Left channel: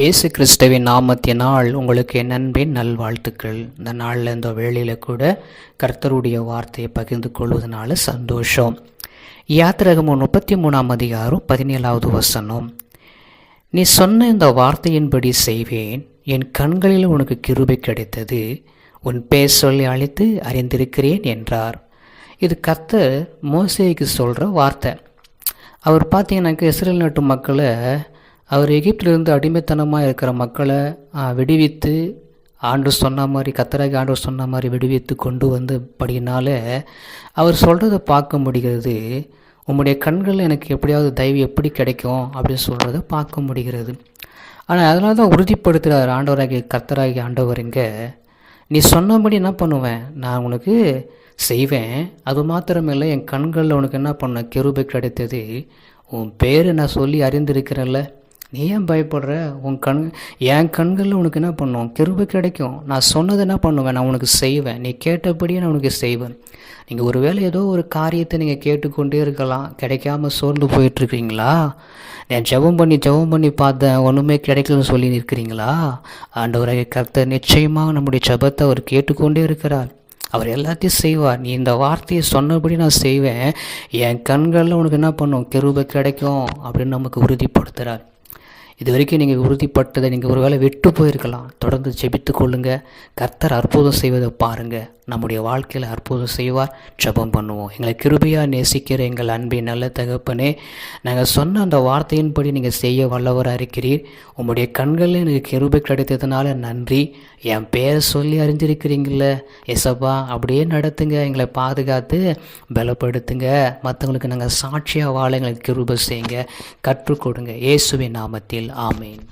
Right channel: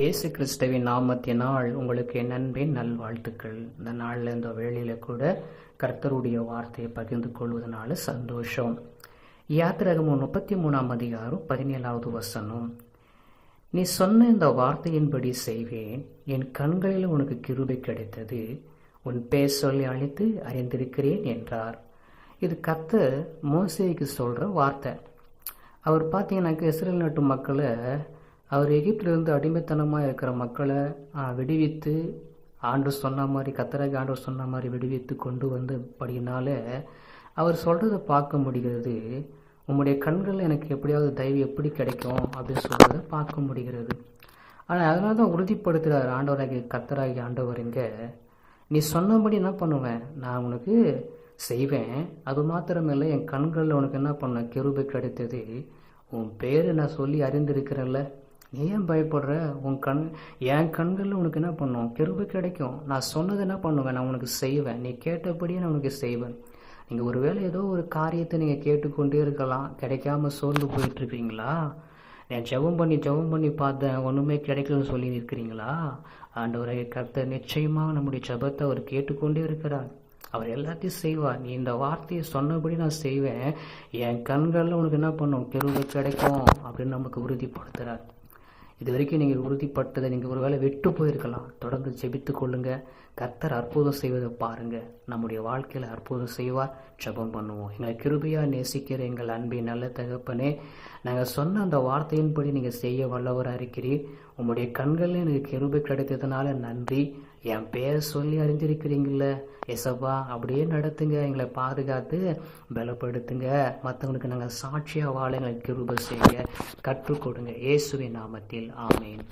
இயேசு கிறிஸ்துவின் நாமத்தினால் உங்களுக்கு என் அன்பின் நல்வாழ்த்துக்கள். இந்த நாளில் இந்த வேளையில் கூட கர்த்தருடைய வார்த்தையை பகிர்ந்து கொள்வதனால சந்தோஷம். யாத்திரகமும் முப்பத்தி மூணாம் அதிகாரம் பதினேழாவது வசனம். நீ சொன்ன இந்த வார்த்தையின்படி செய்வேன். என் கண்களில் உனக்கு கிருபை கிடைத்தது. உன் பேர் சொல்லி அழைத்து அறிந்திருக்கிறேன் என்றார். இது கர்த்தர் மோசேக்கு சொல்கிற வார்த்தை. அவர் பார்த்தீங்கன்னாக்க இஸ்ரேல் நாட்டு மக்களை அவர் எகிப்திலிருந்து அடிமைத்தனமாக இருக்கிற மக்களை விடுவித்து ஆண்டு சொன்ன மாதிரி கத்தராகி ஆண்டு சொன்ன மாதிரி விடுவித்து கொண்டு வந்து படினால அவர் சொல்கிறத பார்க்க முடிகிறது. உம்முடைய கண்களில் எனக்கு எப்படியாவது தயவு எப்படி கிடைக்கும் அப்படின்னு சொல்கிறத பார்க்க முடிகிறது. ஆனால் அதனால தான் உறுதிப்படுத்துகிறார் ஆண்டவராகி கத்தராகி ஆண்டவர் இங்கே. நீ சொன்னபடி என்ன பண்ணுவேன்? நான் உனக்கு செய்வேன். அது மாத்திரமில்லை என் கண்களில் உனக்கு என்ன பண்ண கெருபை கிடைத்தது. உன் பேரை நான் சொல்லி அறிந்திருக்கிறேன்ல. நீ ஏன் பயப்படுற? உன் கண் என் கண்களில் உனக்கு என்ன பண்ணும்? கிருபை கிடைக்கும். நான் சொன்னது என்ன பண்ணுவேன்? நான் உனக்கு செய்வேன். நீ கேட்டபடியே நான் உனக்கு செய்வேன். நீங்கள் ஒருவேளை ஏதோ ஒரு காரியத்தை நீங்கள் கேட்டுக்கொண்டே இருக்கலாம். கிடைக்காம சோர்ந்து போயிட்டுருக்கீங்களா நான் ஜெபம் பண்ணி ஜெபம் பண்ணி பார்த்தேன். ஒன்றுமே கிடைக்கலன்னு சொல்லி இருக்கிறீங்களா ஆண்டவரை கர்த்தர் நிச்சயமாக நம்முடைய ஜெபத்தை அவர் கேட்டுக்கொண்டே இருக்கிறார். அவர் எல்லாத்தையும் செய்வார். நீ இந்த வார்த்தையை சொன்னபடி நான் செய்வேன். என் கண்களில் உனக்கு என்ன பண்ணும்? கிருபை கிடைக்கும் அப்படின்னு நமக்கு உறுதிப்படுத்துகிறார் இது வரைக்கும் நீங்கள் உறுதிப்பட்டதை நீங்கள் ஒருவேளை விட்டு போயிருக்கலாம். தொடர்ந்து ஜெபித்து கொள்ளுங்க. கர்த்தர் அற்புதம் செய்வதை பாருங்கள் நம்முடைய வாழ்க்கையில் அற்புதம் செய்வார். ஜெபம் பண்ணுவோம். எங்களை கிருபையாக நேசிக்கிற எங்கள் அன்பின் நல்ல தகப்பனே நாங்கள் சொன்ன அந்த வார்த்தையின்படி நீங்கள் செய்ய வல்லவராக இருக்கிறீர். உங்களுடைய கண்களில் எனக்கு கிருபை கிடைத்ததுனால நன்றி. என் பேரை சொல்லி அறிஞ்சிருக்கிறீங்கள எசப்பா அப்படியே நடத்துங்க. எங்களை பாதுகாத்து பலப்படுத்துங்க. மற்றவங்களுக்கு நாங்கள் சாட்சியாக வாழ எங்களுக்கு கிருபை செய்யுங்க. கற்றுக் கொடுங்க. இயேசுவின் நாமத்தில் Amen